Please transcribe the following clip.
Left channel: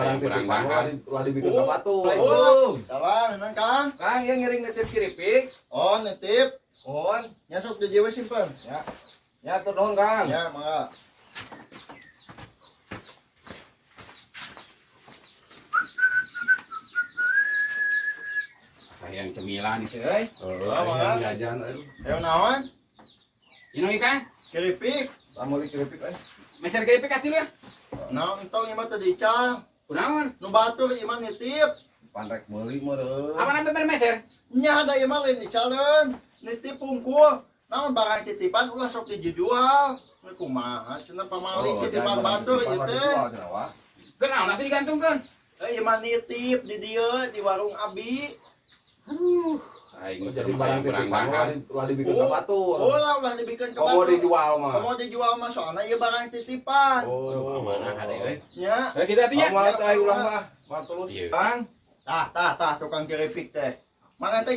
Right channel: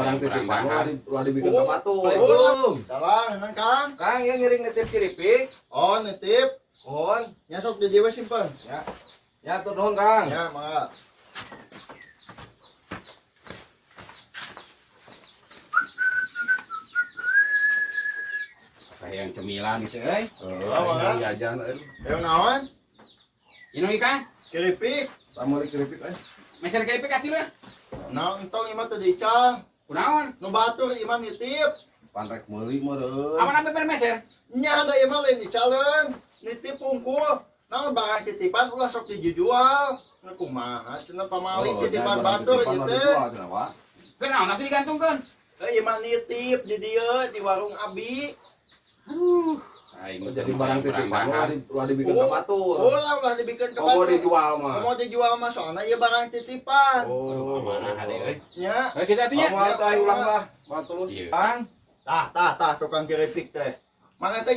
Barang titipan ulah dibikin ke batu. Salah, memang Kang. Kang yang ngiring nitip kiripik. On, nitip. On. Nyasok di jiwa simpan. Ya. Ya tuh nuhun Kang. Ya, mangga. Sayang cemilan itu, euy. Mangga. Jajan Yang naon? Inu ikan, Keripik. Tamu di kiripik meser keripik ati lu ya. Nah, entong imah tadi cang. Kunaon? Nu batur imah nitip. Panrek meuli mah Apa namanya meser? Nya ada imah lain dicalen. Nitip pungkul. Namun barang titipan ulah sok dijual. Nah, kumaha cenah pamali titipan batur gitu. Kenal nanti digantungkan. Imah nitip di dieu di warung Abi. Aing jadi barang titipan ulah dibikin ke batu. Ulah dibikin ke Komo batu. dijual mah. Komo dijual mah soalnya ieu barang titipan. mana ada euy. Nya. Kayak kita atuh ya. Mau ulang lah. Mau tulus. Iya. Kang. Tah tukang keripik teh. Mana teh